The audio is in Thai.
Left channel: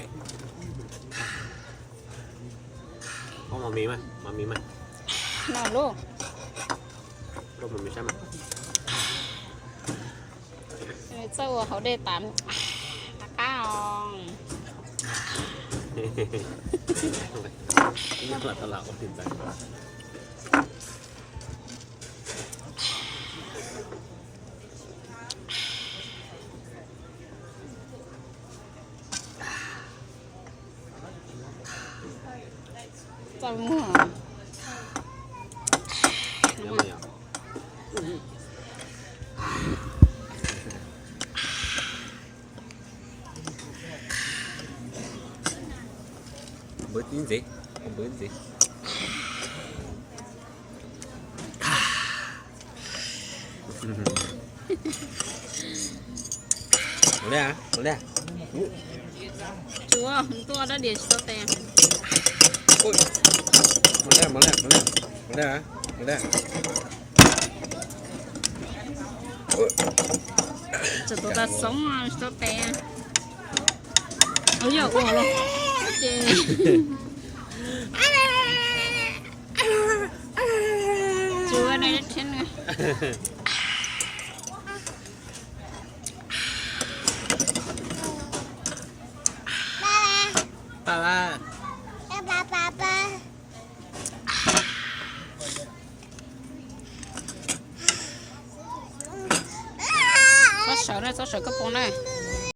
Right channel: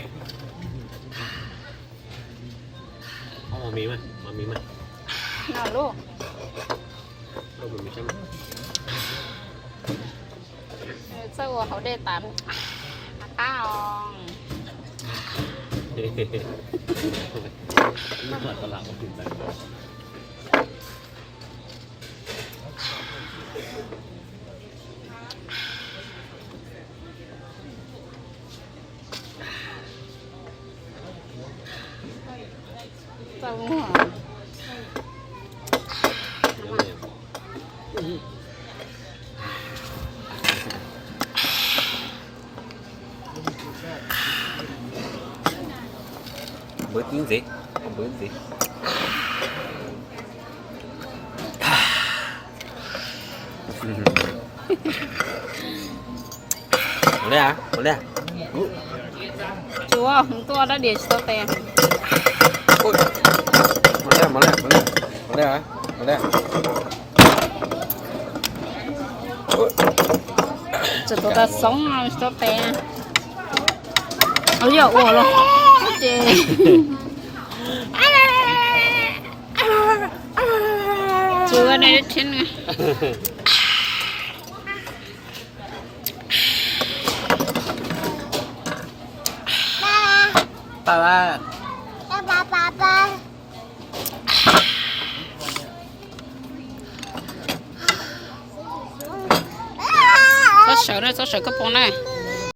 ยเอามามีไหมนอนลูกลูกมันมีใช่ไหมเจ้าเขาได้ตามป้าอองนี่หลักตลาดมันถึงแบบเจ้าหัวเยอะไหมอ่ะเบิร์ดนี่สิหมดเลย ชัวตัวแล้วเดี๋ยวโซเตะมาเลยจะตัวละ2โซเตะเอาเยอะโอ้โหเจ๊ชัวในชิ้นไง爸爸。做手个帮呢。